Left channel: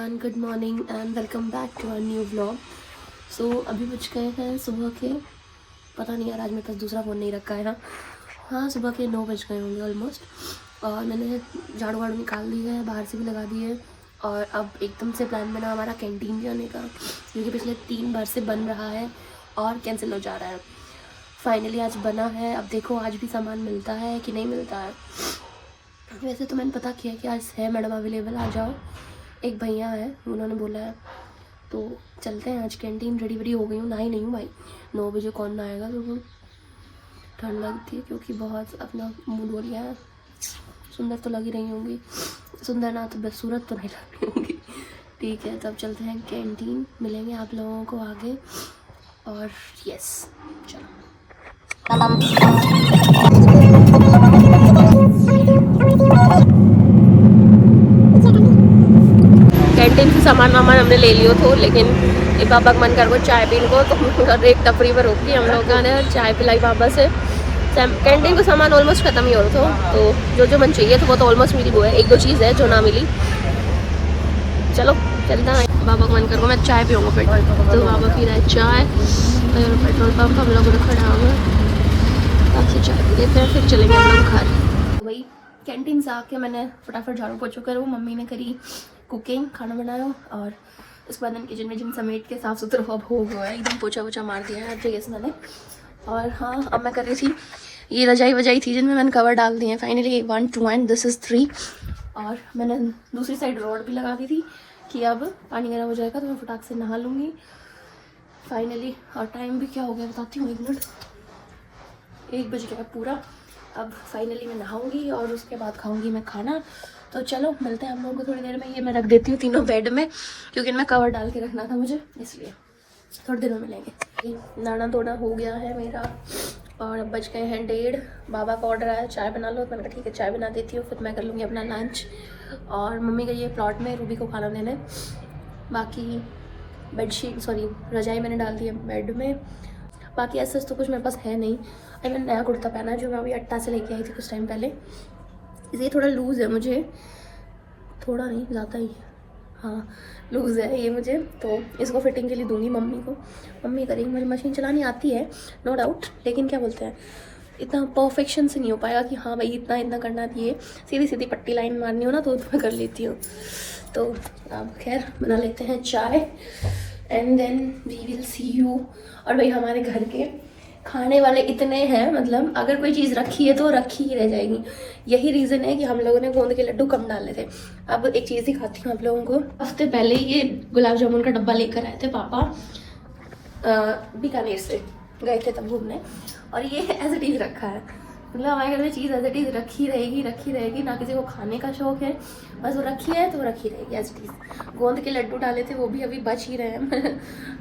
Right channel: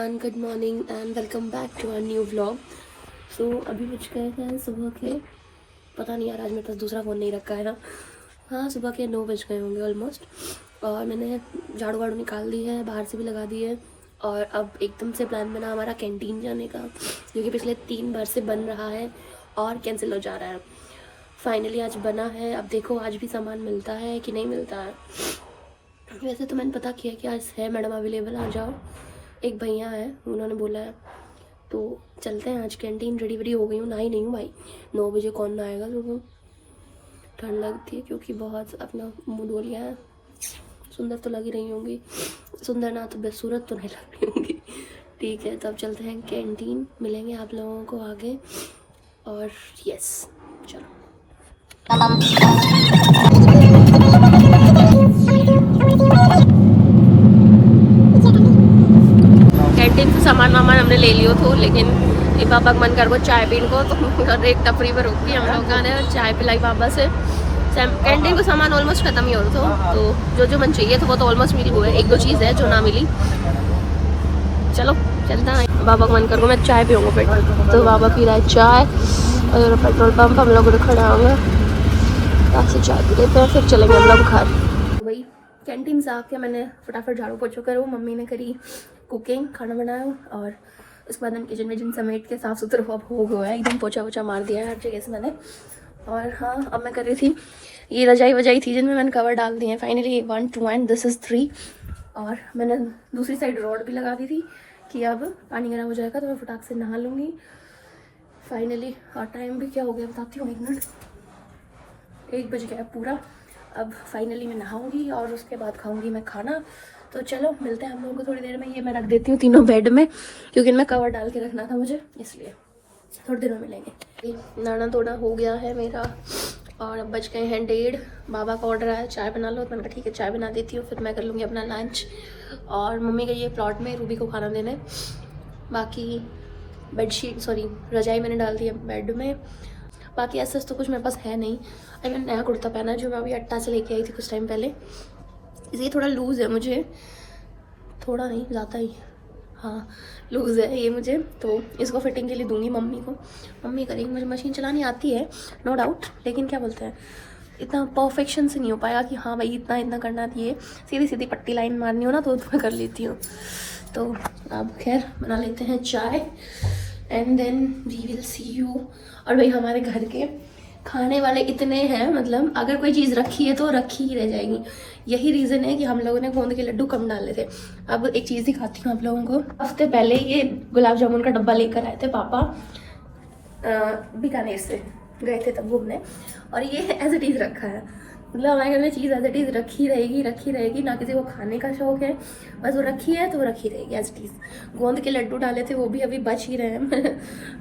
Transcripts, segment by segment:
Everyone, good morning and welcome back to our new vlog. So अभी बज गए हैं सुबह के, पता नहीं यार आज मेरे पास दूसरा फ़ोन नहीं रखा है ना। हाँ, सुबह के 9 बज गए होंगे ऑलमोस्ट। और मैंने झाड़ू वाड़ू निकाल दी है, बाहर से भी लगा दी है। और अब एकदम से प्लान बना हमारा कैंटीन जाने का, क्योंकि पिछले 3 बार से बन रहा है और कैंसिल हो जा रहा है। फाइनली आज बना है। अब देखो आज भी सामान मिलता है कि नहीं मिलता है। वैसे तो मैंने पता किया कि आज है मैडम अवेलेबल, आ जाओ। एक भैया है, उन्होंने बोला है, तो चलते हैं आज कैंटीन। रेडी वेडी हो गई हूँ, नहाई नहीं हूँ भाई, 9 बजे कौन नहाएगा। तो ठंड लगती है क्योंकि बहुत अपना मूड हो लिया है। सुंदर तो लगी रही होंगी, सुंदर ना तो बदसूरत तो नहीं लग रही होंगी। ठीक है, तब चलते हैं कैंटीन, मिलेंगे आप लोगों को आगे। और यस, चलो। कैंटीन से सामान वामान हमने ले लियो थो, लेकिन पापा का मन कर वो चाय पीने को, तो एक टपरी पर रोकी हम लोग ने, चाय पिलाई पापा से। कैंटीन का सामान ऑलमोस्ट ख़त्म ही हो रहा था, तो जो मन चाहिए था वो तो ऑलमोस्ट मिल गया है। एक दो चीज़ है जो ना मिली। चलो चलता है। बाबा का मन कर को मैं चाय पीऊँगा फिर, तो बाबा पी रहा है चाय। और पेट्रोल पंप हम लोग खड़े होंगे, ताकि चाय पी लेते हैं, फिर चलेंगे हम लोग घर। वही कैंटीन से आके मैंने फटाफट झाड़ू पोछा करो, मम्मी ने करी कुकिंग, खाना बनाया। और उसके बाद हम किचन विचन समेट के साफ़ सुथरा हो गया है, एकदम पोछा वोछा मार दिया है हर जगह से मैंने। और हाँ, अब मैं कर रही थी ये रजाई वजाई थी जिनमें मैंने कवर डाल दिए हैं फाइनली। 1 2 and this is 3। और मैंने दूसरी साइड रॉड भी लगा दी थी कि अब पानी गर्म हो जाएगा तो मैं फटाक से नहा लूँगी फाइनली। और टाइम भी क्या हो गया बताती हूँ, 1 मिनट, 1 बज गया पूरा। अब फाइनली मैं नहाऊंगी और उसके बाद खाऊंगी मैं खाना। तो चलो मिलते हैं हम लोगों को थोड़ी देर में। ये मैं रख देती हूँ तीनों बेड में, क्योंकि इनमें कवर डाल के रखना था मुझे, इसलिए थोड़ी देर में मिलेंगे। नाना थोड़ा हो गया है मेरा, और अब बज गए हैं 1:30। बाबा का ऑर्डर आया चाय बना लो, तो मैंने कहा ठीक है चाय बना देती हूँ, फिर मैं कर लूँगी अपना लंच। और मम्मी गई है प्लॉट में रूबी को खाना देने। बाकी बेडशीट सॉरी रजाई मैंने डाल दी है बेड में। बाकी ऐसा तो कुछ मेरे पास है नहीं। अभी मैंने नया कुर्ता पहना है जो मैं अभी अट्टा से लेके आई थी कुछ टाइम पहले। ये थोड़ा लूज़ है मुझे, थोड़ा नहीं ज़्यादा ही, हाँ लूज़ है ये मुझे, तो इसको फिटिंग के लिए दूंगी मम्मी को। मम्मी करेंगी, मुझे मशीन चलानी आती है नो डाउट, लेकिन क्या बोलते हैं इतना परफेक्शन से नहीं हो पाएगा कि हाँ भाई इतना इतना करना चाहिए। सीधी सीधी पट्टी लाइन मारनी हो ना तो मैं कर लेती हूँ। तो अब खैर बना लेते हैं चाय and then we will see you. और भाई हमारे घर के खाने वाले इतने हैं, मतलब अगर कोई चीज़ रखी है तो रखी ही रह जाएगी। यही रीज़न है कि हम लोगों ने गोंद के लड्डू कम डाले थे। अब एक चीज़ दिखाती हूँ आप लोगों को। हफ्ते पहले ये गुलाब जामुन का डब्बा लेकर आए थे पापा, बीकानेर से गए थे तब घूमने, और ये एज इट इज़ रखा है। मतलब हमारे घर में चीज़ एज इट इज़ रखी रहेगी। ना किसी को खाने का शौक है, बस वो रखी है तो वो रखी रहेगी एज इट इज़। गोंद के लड्डू डाले थे वो भी अभी बच ही रहे हैं।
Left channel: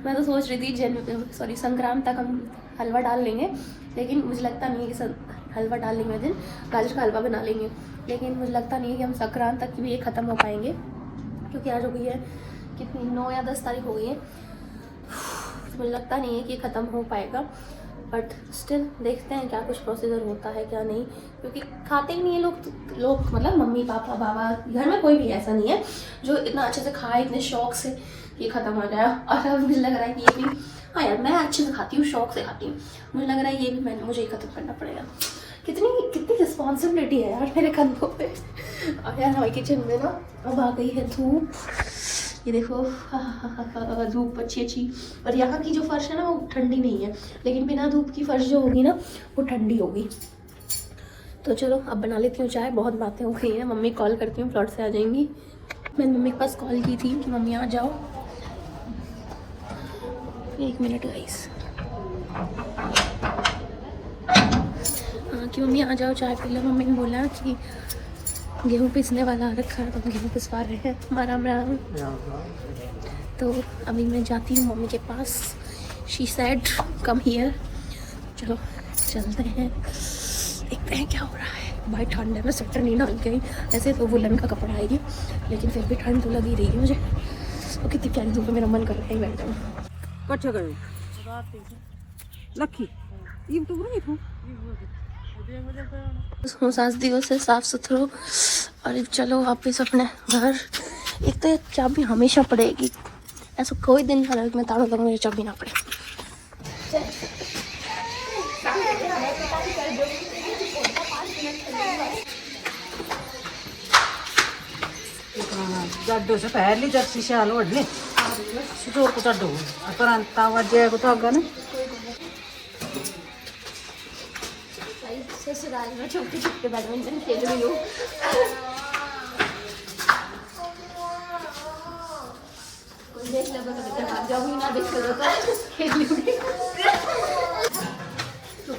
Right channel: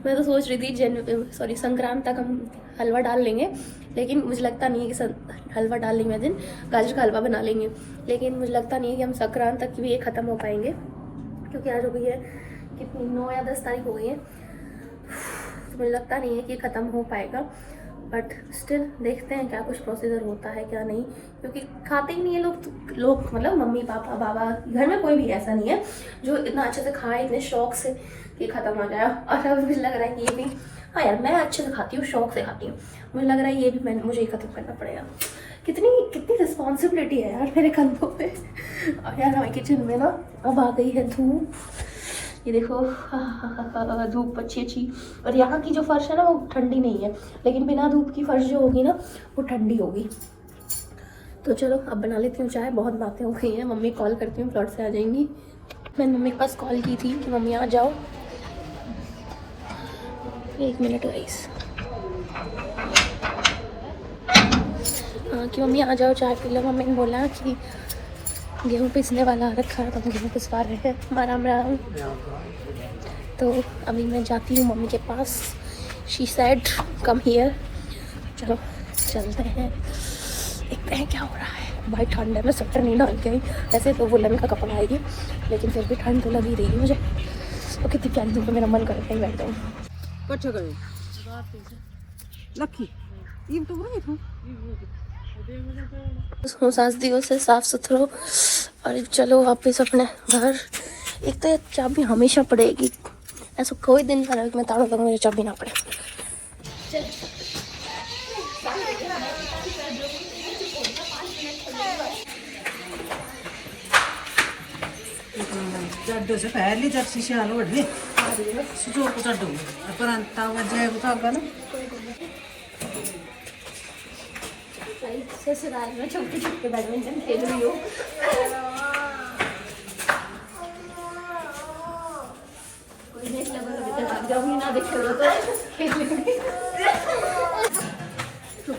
मैं तो सोच रही थी संक्रांत तक हम हलवा डाल लेंगे, लेकिन मुझे लगता नहीं है कि हलवा डाल लेंगे दिन गाजर का हलवा बना लेंगे, लेकिन मुझे लगता नहीं है कि हम संक्रांत तक भी ये ख़त्म हो पाएंगे, क्योंकि आज हो गई है कितनी 9 या 10 तारीख हो गई है। तो मुझे लगता नहीं है कि ख़त्म हो पाएगा, बट स्टिल देखते हैं क्या कुछ प्रोसीजर होता है क्या नहीं, क्योंकि खाते ही नहीं है लोग मतलब मम्मी पापा बाबा, घर में कोई भी ऐसा नहीं है जो इतना अच्छे से खाए इतने शौक से कि ख़त्म हो जाए। और अब मुझे लग रहा है कि ये भी, हाँ यार मैं अच्छे से खाती हूँ, शौक से खाती हूँ, मुझे लग रहा है ये भी मुझे ख़त्म करना पड़ेगा। कितनी रिस्पॉन्सिबिलिटी है यार मेरे कंधों पे। और यार हमारे किचन में ना अब आ गई है धूप, ये देखो धूप अच्छी। और यहाँ की जो फर्श है ना वो ठंडी नहीं है, लेकिन बिना धूप की फर्श जो होगी ना वो ठंडी होगी। तो चलो अब बना लेती हूँ चाय, बहुत बातें हो गई हैं। मम्मी कॉल करती हूँ, प्लॉट से आ जाएंगी। मैंने मम्मी के पास कॉल की थी कि मम्मी आ जाओ, 1 मिनट गाइस, हाँ कि मम्मी आ जाओ चाय पी लो। मम्मी ने बोला कि गेहूँ पिसने वाला आ रखा है तो हम गेहूँ पिसवा रहे हैं। राम राम। तो अभी मैं जाती हूँ मम्मी के पास, शी सेड कम हियर। चलो चलते हैं, देखते हैं क्या हो रहा है। भाई ठंड है, मैं स्वेटर नहीं डाल के आई, ऐसे तो वुलन का कपड़ा है ये, लेकिन फिर भी ठंड तो लगी रही है मुझे। तो कितनी प्यारी धूप है, मेरा मन कर रहा है बैठ जाऊँ। सास दिवस से साफ सुथरा। और चलो वापस अपने घर, एक तो चाबी हमेशा पड़ेगी, ऐसा कोई दिन का मैं ताला लगा मुझे चाबी ना पड़े। जाडो से पहले जब शीशा लोड ले जोर को जाडो पर तावजे को तो आगे ना ससुराल में छुपके छुपके बैडमिंटन खेल रही हूँ। कोई देख ले तो भीतर भाग जाऊंगी, ना देख ले तो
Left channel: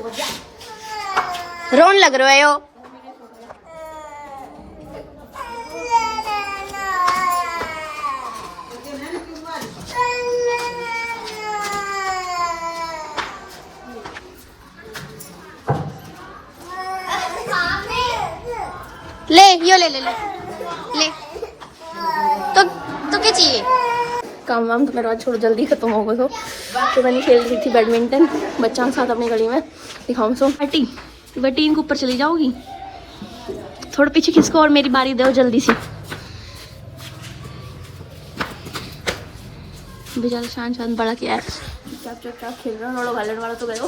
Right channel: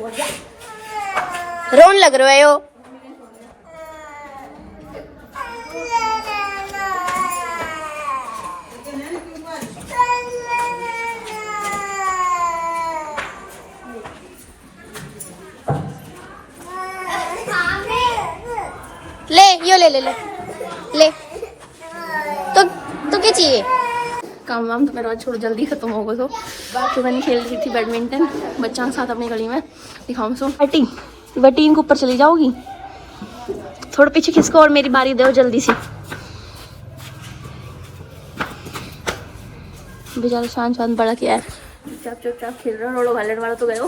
रोन लग रहे हो। ले यो ले ले ले ले तो क्या चाहिए? काम वाम तो मेरा छोड़ जल्दी खत्म हो गया। तो मैंने खेल रही थी बैडमिंटन बच्चों के साथ अपनी गली में। दिखाऊँ सो बटी बटीन के ऊपर चली जाओगी, थोड़ा पीछे खिसको और मेरी बारी दो जल्दी सी। बेचारा शान शान बड़ा क्या है, चुपचाप खेल रहे हो। रोड़ो घालन वाला तो गए,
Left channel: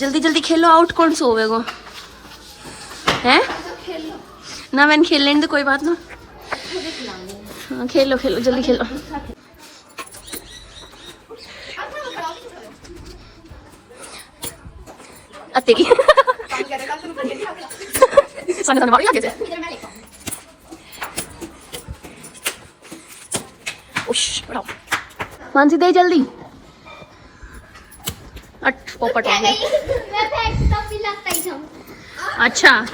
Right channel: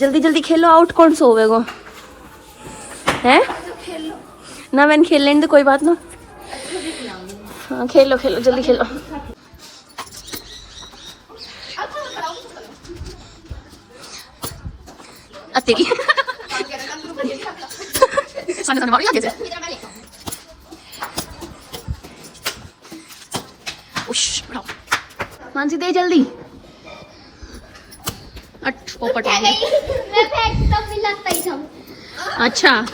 जल्दी जल्दी खेलो। आउट कौन सो होगा है ना? मैंने खेल लेने तो कोई बात ना। हाँ खेलो खेलो जल्दी खेलो। तेरी मानसी दे जल्दी। पोपट हो गया। अच्छा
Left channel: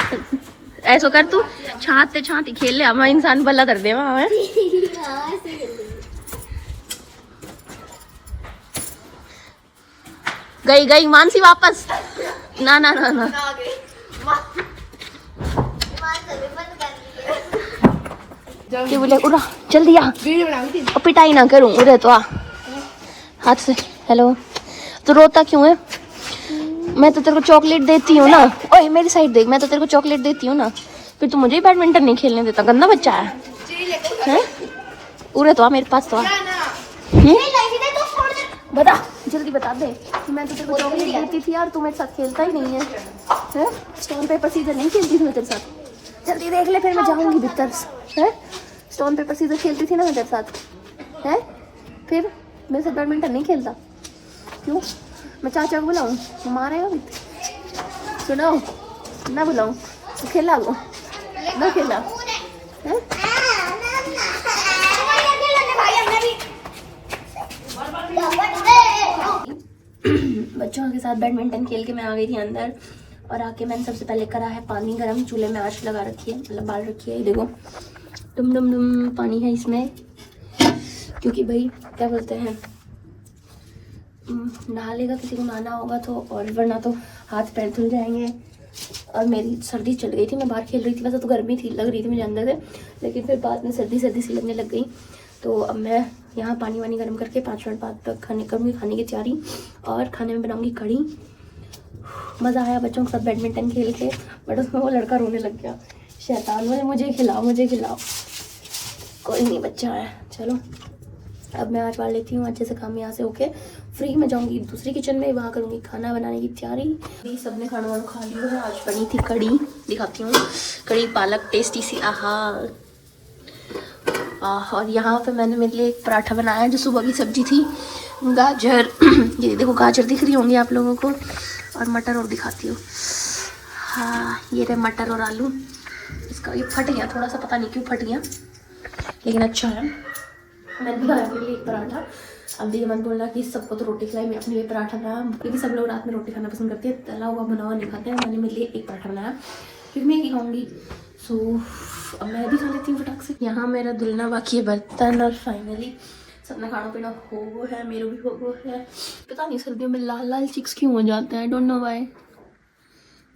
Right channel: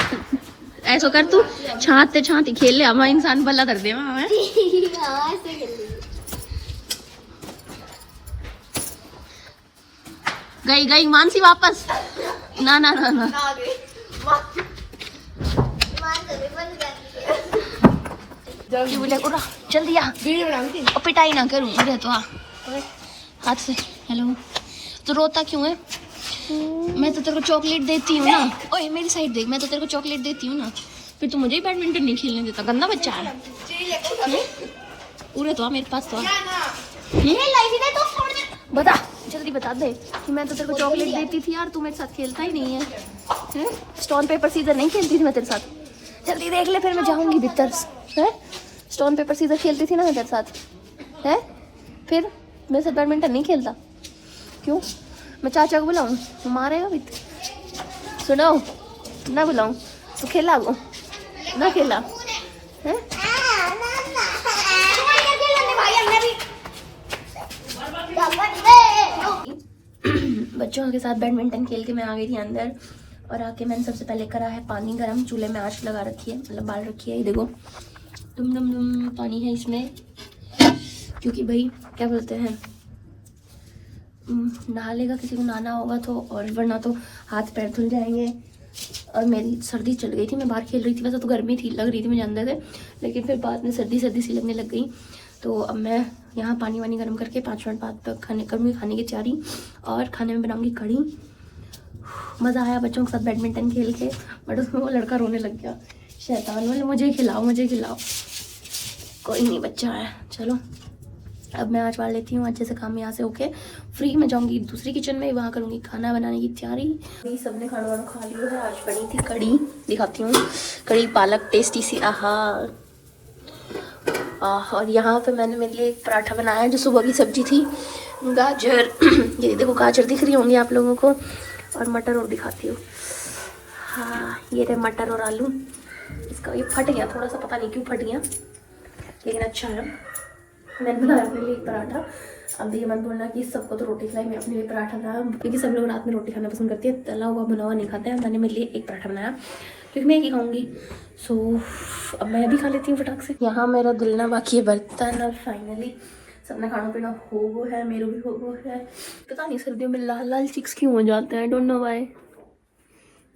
ऐसा कर तू छाते छाती खेल ले, हमारा इंसान भला कर दे वहाँ। गई गई मानसी वापस। ना ना ना ना क्या बोले उड़ा जल्दी आ, पिटाई ना करूँ उधर तो आ हाथ से। हेलो तो रोता क्यों है? मैं तो तेरे को चॉकलेट देती हूँ ना। ओए मेरी साइड देख, मैं तो तेरे को चॉकलेट देती हूँ ना, फिर तू मुझे ही बैडमिंटन नहीं खेलने देता। गंदा बच्चा है। उरे तो आ मेरे पास तो आ। बता जल्दी बता दे कि मैं तो तेरे को चॉकलेट देती थी यार, तू मेरे साथ खेलता ही नहीं है। स्टोन पेपर सीजर नहीं खेलती थी मैं तेरे साथ। जल्दी देख ले फिर मैं जाऊंगी भीतर है। स्टोन पेपर सीजर खेलती थी ना मैं तेरे साथ है, फिर मेरे साथ बैडमिंटन नहीं खेलता क्यों? मैं चाचा को बुलाऊं, मारेगा भी। सुनो ना बुलाऊं तो खेला वो ना खेला है? बच्चों के साथ बैडमिंटन खेल के मैं आ गई थी अंदर, और आके मैंने सबसे पहले करा है पानी गरम। चूल्हे में आंच लगा रखी है, मतलब बाल रखी है। ये देखो डुम डुम डुम पानी है इसमें, क्योंकि भाई क्या बोलते हैं नहा लेगा किसी को नहाना होगा तो, और वरना तो हाथ पैर धुल जाएंगे। और मेरी सर्दी चल गई थी, मैं बाहर खेल रही थी। वैसे तो गर्मी थी लग रही थी मुझे अंदर से, लेकिन फिर बाद में सर्दी सी लगने लग गई। तो अब मैं यहाँ पानी वानी गर्म करके 5 मिनट बाद तक खाने की तैयारी, और खाने में बनाऊंगी कढ़ी। मज़ा आया बच्चों के साथ बैडमिंटन खेल के, बट उसमें वो लड़का रोने लग गया शैतान, बोले मुझे खिलाओ मुझे खिलाओ। कोई नहीं बच्चा है। चलो अब मैं आज वाड़ लेती हूँ अच्छे से काम। यहाँ से होके फ्री में जाऊँगी दूसरी किचन में, वहाँ करूँगी खाना बनाने की तैयारी। सबने खाना वाना खा लिया है। आज बनी थी कढ़ी, दिखाती हूँ। कढ़ी पालक टेस्टी सी, आहा। और यहाँ पे मैंने मेरे लिए एक पराठा बनाया जो सुबह की सब्जी थी। गाजर ये देखो गाजर दिख रही होंगी आप लोगों को, और मटर और दिखाती हूँ। हाँ ये रहे मटर और आलू। इसका ये फट गया थोड़ा सा, पता नहीं क्यों फट गया, लेकिन अच्छा है। मैंने बनाया अपने लिए एक पराठा। अब ये मत बोलना कि सबको तो रोटी खिलाई, मैं अपने लिए पराठा बनाया, क्योंकि सब लोग रात में रोटी खाना पसंद करते हैं, तला हुआ बना हुआ नहीं खाते हैं। मैंने मेरे लिए एक पराठा बनाया क्योंकि मैं एक ही खाऊंगी। सो अब मैं भी खा लेती हूँ फटाक से। यहाँ मेरा धुलना बाकी है बर्तन, और फाइनली सबने खाना पीना हो गया है, मेरे भी हो गया है। पता नहीं सर्दियों में लाल लाल चिक्स क्यों हो जाते हैं, डोंट नो व्हाई।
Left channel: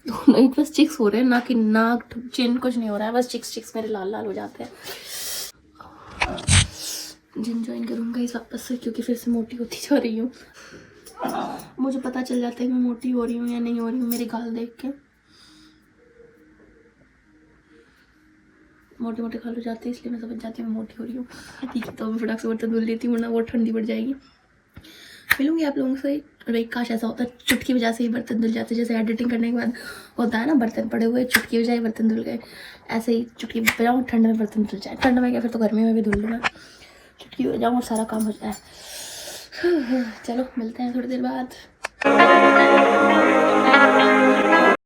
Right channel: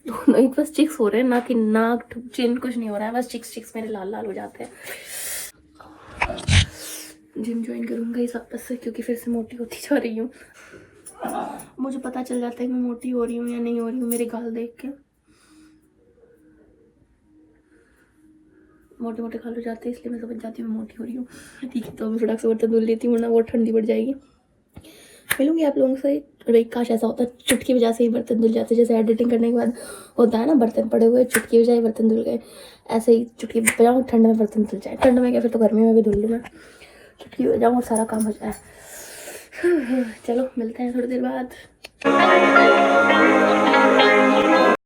दोनों बस चिक्स हो रहे हैं, ना कि नाक चिन कुछ नहीं हो रहा है, बस चिक्स मेरे लाल लाल हो जाते हैं। जिम ज्वाइन करूँगा इस वापस से, क्योंकि फिर से मोटी होती जा रही हूँ। मुझे पता चल जाता है मैं मोटी हो रही हूँ या नहीं हो रही हूँ मेरे गाल देख के। मोटे मोटे खा लो जाते हैं, इसलिए मैं समझ जाती हूँ मैं मोटी हो रही हूँ। ठीक है, तो मैं फटाक से बर्तन धुल लेती हूँ वरना वो ठंडी पड़ जाएगी। मिलूंगी आप लोगों से। और एक काश ऐसा होता है चुटकी वजह से ही बर्तन धुल जाते, जैसे एडिटिंग करने के बाद होता है ना, बर्तन पड़े हुए चुटकी बजाए बर्तन धुल गए, ऐसे ही चुटकी बजाऊँ ठंड में बर्तन धुल जाए। ठंड में क्या, फिर तो गर्मी में भी धुल लूँ मैं, चुटकी बजाऊँ और सारा काम हो जाए। चलो मिलते हैं थोड़ी देर बाद।